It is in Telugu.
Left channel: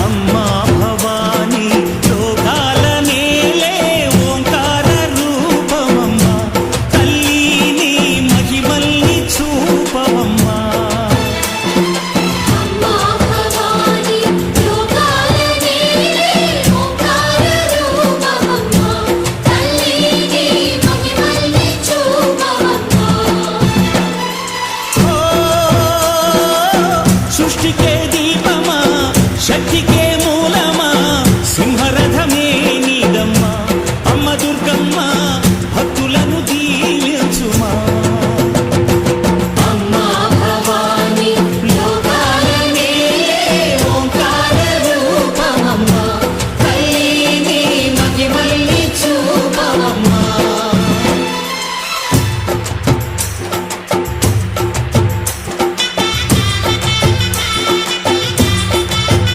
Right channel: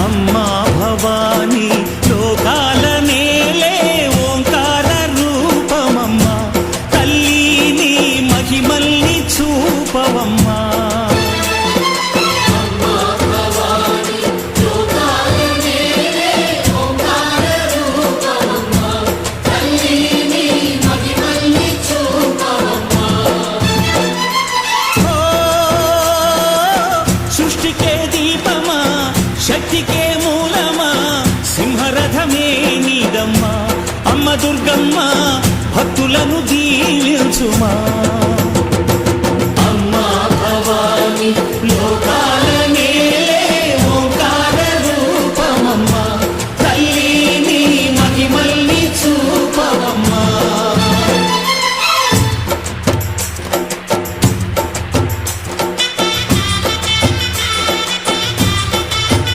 అమ్మా భవానీ లోకాల నేలే ఓంకార రూపమమ్మా, తల్లి నీ మహిమల్ని చూపవమ్మా. సృష్టికే దీపమా, శక్తికే మూలమా, సింహరథమే నీదమ్మా. అమ్మ దుర్గమ్మ భక్తులను దీవించుమా.